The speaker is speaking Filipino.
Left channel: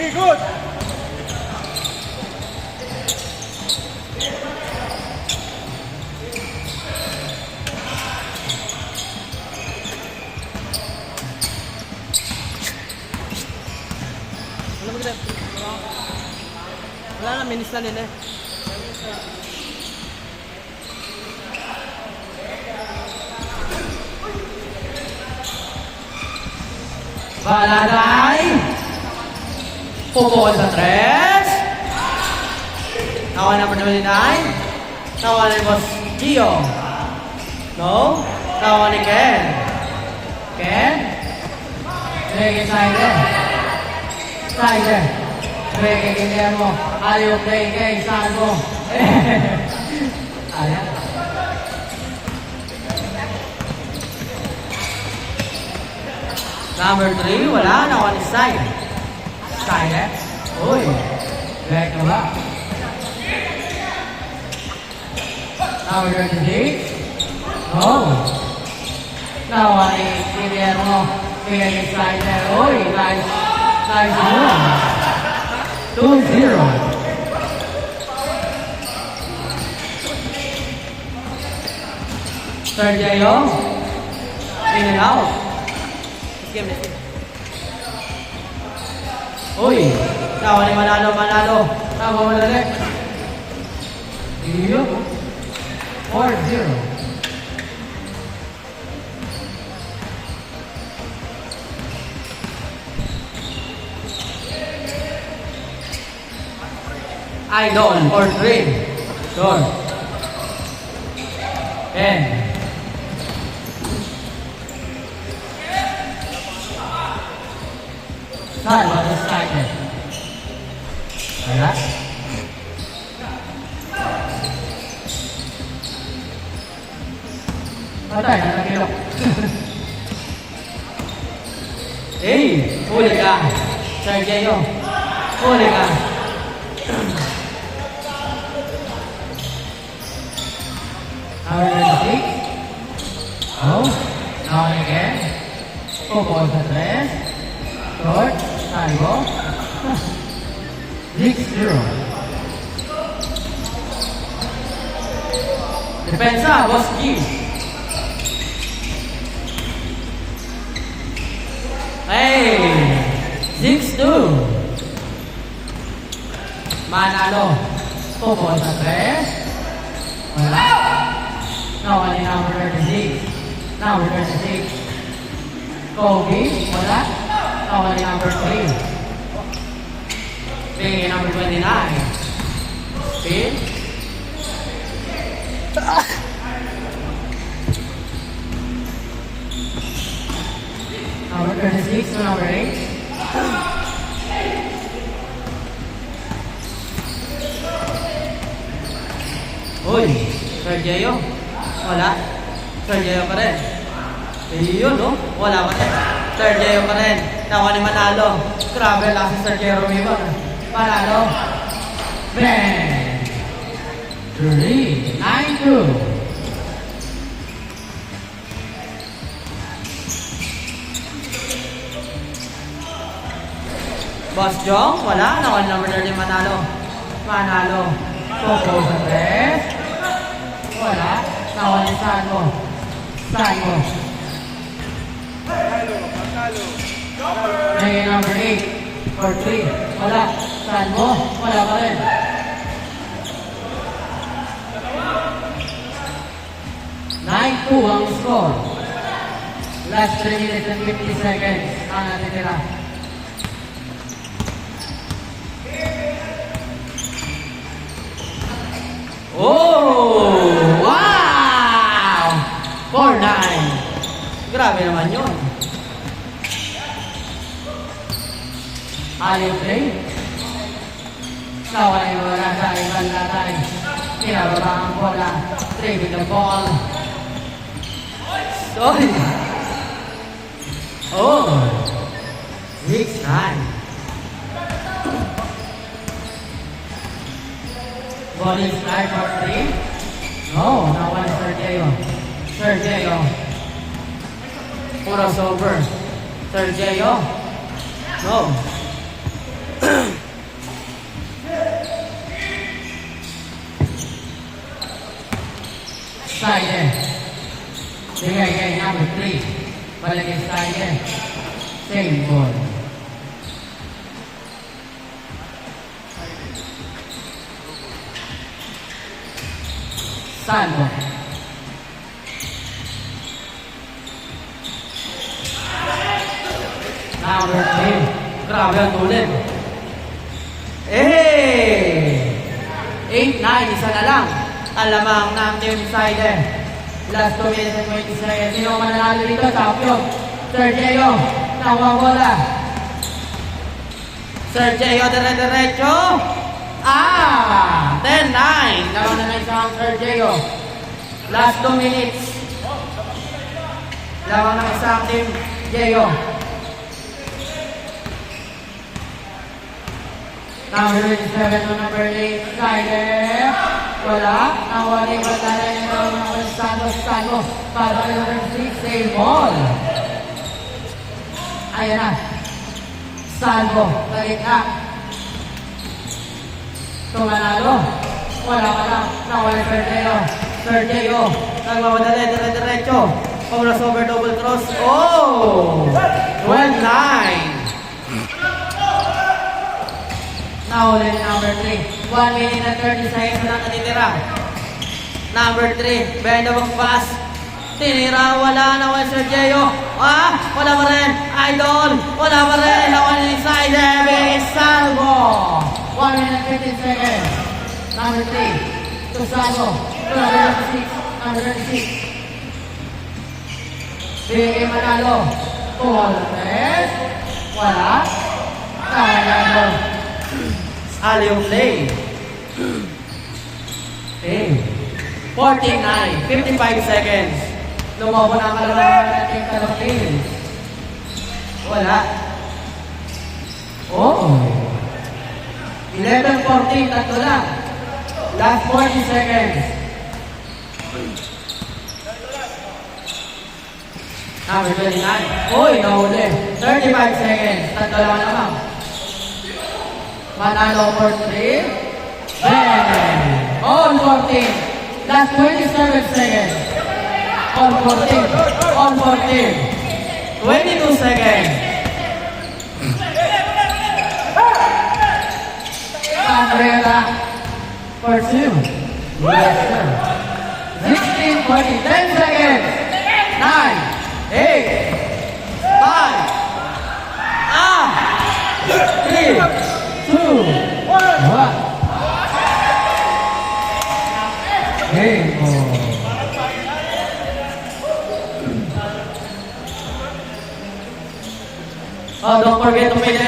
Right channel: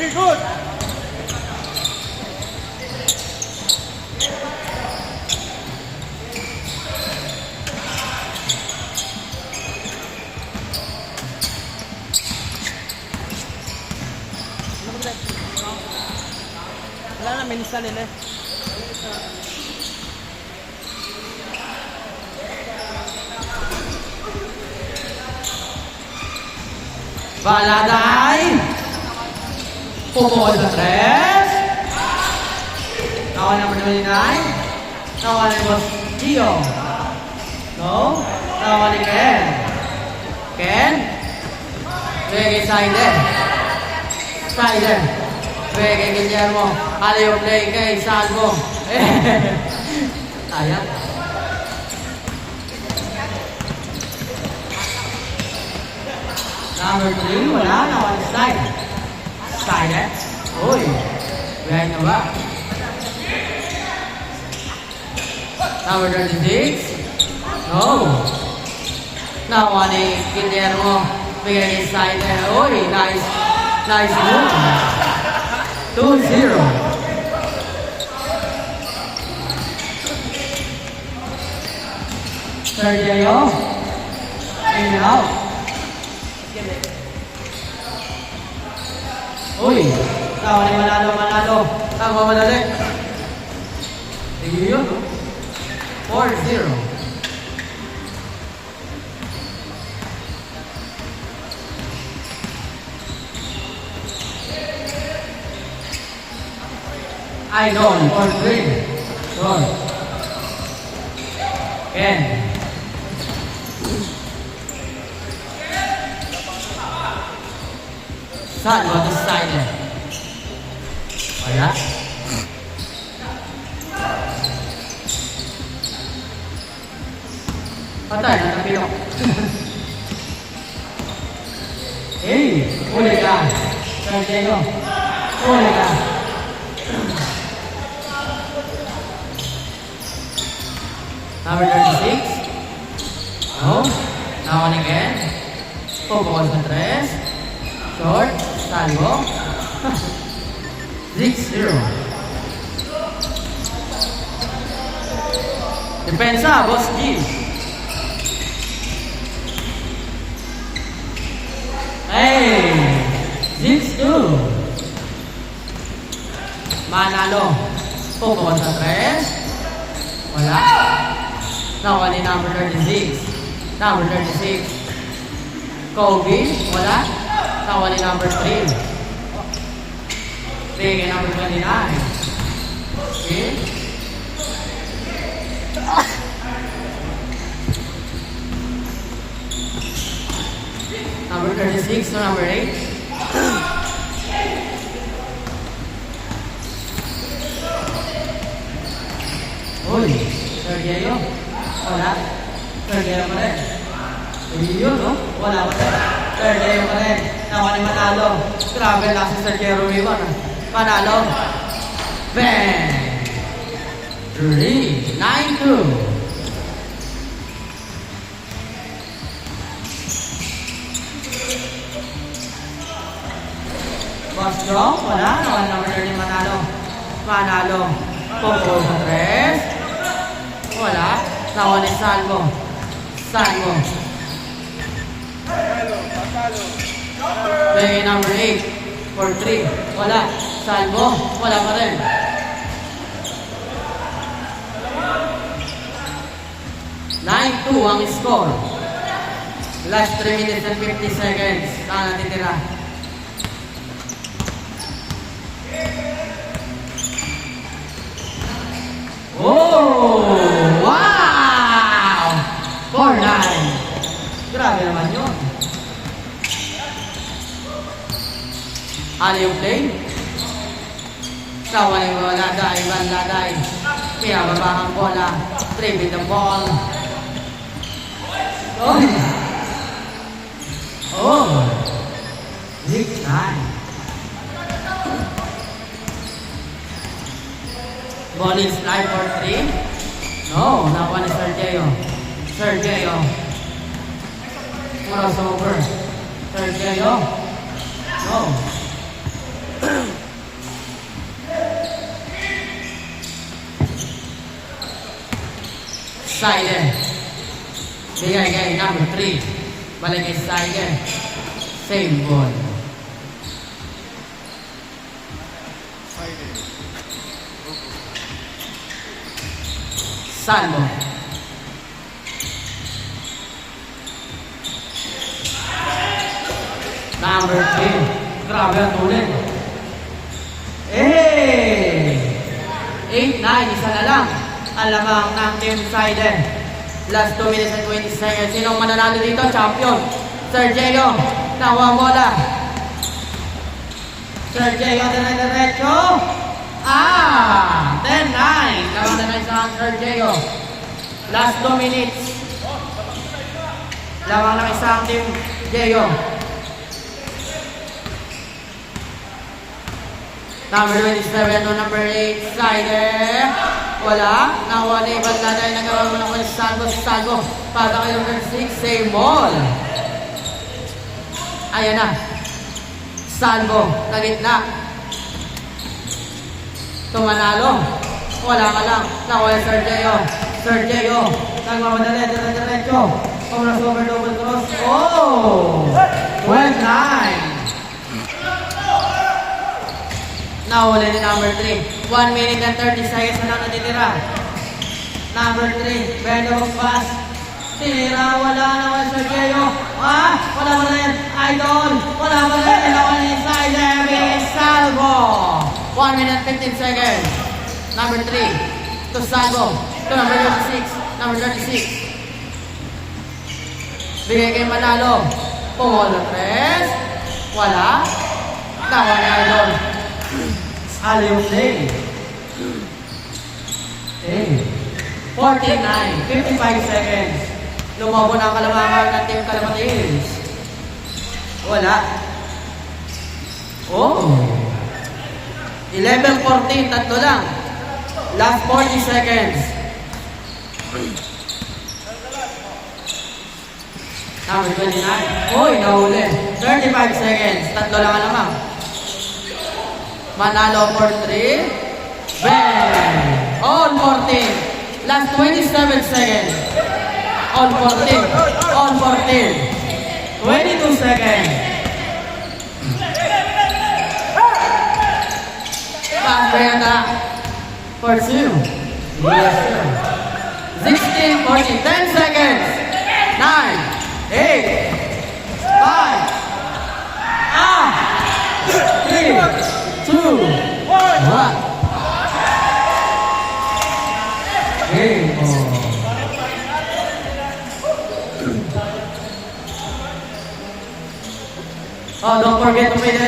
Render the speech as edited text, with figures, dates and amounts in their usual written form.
Very good. Wala na, minista nila eh. Balalay. Pupol sa 3. Nawa naman 29. Nawa ni Boss Gio. No. Nawa ni Ken. Ken. Reggae Slider. Slider. Reggae Guillermo. Ayaw play kay Sango. Ayan. Number 3, wala na, one side. Side, uy. Right na ba? Number 36. Oh. Nawa ni Guillermo. Bigay yung slider. Uy, nice. Nice move. 2-0. Sergio. In and out. Uy, tawa ni Manalo. Tawa mo ulit. Tingin 4-0. Idol for 3. Sure. Ken. Saan ba this time? Wala. Patay, nakapilok. Eh, uli ka. Sergio. Uli ka. Number 36. Oh, down again. Focus sa 3. Short. Salvo. 6-0. Depensa, Boss G. Hey! 6-2. Manalo. Popo sa 3. Wala. Nawa ni number 36. Number 36. Kobe. Wala. Nawa ni number 3. Bigay number 29. Spin. Number 36 to number 8. Uy, Sergio. Wala. Sergio pa rin. Ayun, no? Wala pa rin. Sergio pa rin. Nawa ni Manalo. Travel lang si Sergio Romeo. Manalo. Bang! 3-9-2. Boss Jong, wala. Nawa number 30 Manalo. Manalo. Popo sa 3. Wala. Nawa ni Sango. Sango. Play number 8 for 3. Wala. Sango. Wala pa rin. Ang score. Last 3 minutes and 50 seconds ang natitira. Oh! Wow! 4-9. Grabe naman yun. Ayaw play. Kaway mo, laday. Pinababa ang bola. Trade the ball. Oh! Weak time. Bowling start for 3. No, that one is Sergio. Puros over. Sergio. No. Side. Bigay number 3. Balik side. Same ball. Salvo. Number 3. Grabe ang tulit. Eh! 8, 9, isa na lang. Alamang ng team side. Last 2 minutes and 20 seconds. Sino ang mananalo dito? Champion. Sergio. Nawawala. Sergio, diretso. 10-9. Laban na ng isang Sergio. Last 2 minutes. Laban ng isang team Geo. Number 27 to number 8. Slider. Wala. Nawala yung banda na yung nagkaroon ng Santos. Para kayo ng 6. Same ball. Ayan na. Salvo. Na gitna. Tumanalo. Wala ka lang. Nawala Sergio. Nagmamadali. Diretso. Oras over double cross. Oh! 1-9. Nahuli ni number 3. 1 minute and 30 seconds na natitira. Number 3. Bendong pass. Tinira. Wala naman Sergio. Wala pa rin. Idol. Wala pa rin. Naman inside. Big Salvo. 1 minute 15 seconds. Number 3. To Salvo. To number 36. Number 36. Bigay kay Manalo. Ball press. Wala. Nawala. Aliw play. 49, 55 seconds. Lumabo na ang kalamangan ng Team Calamantes. Wala. Oh. 11-14, tatlo lang. Last 40 seconds. Number 29. Uy, nahuli. 35 seconds. Tatlo lang naman. Manalo for 3. Bang! On 14. Last 27 seconds. On 14. On 14. 22 seconds. Pagkaya for 2. Yes, sir. 16, 40. 10 seconds. 9, 8, 5, 3, 2, 1. Game on. Oh, don't forget to pay the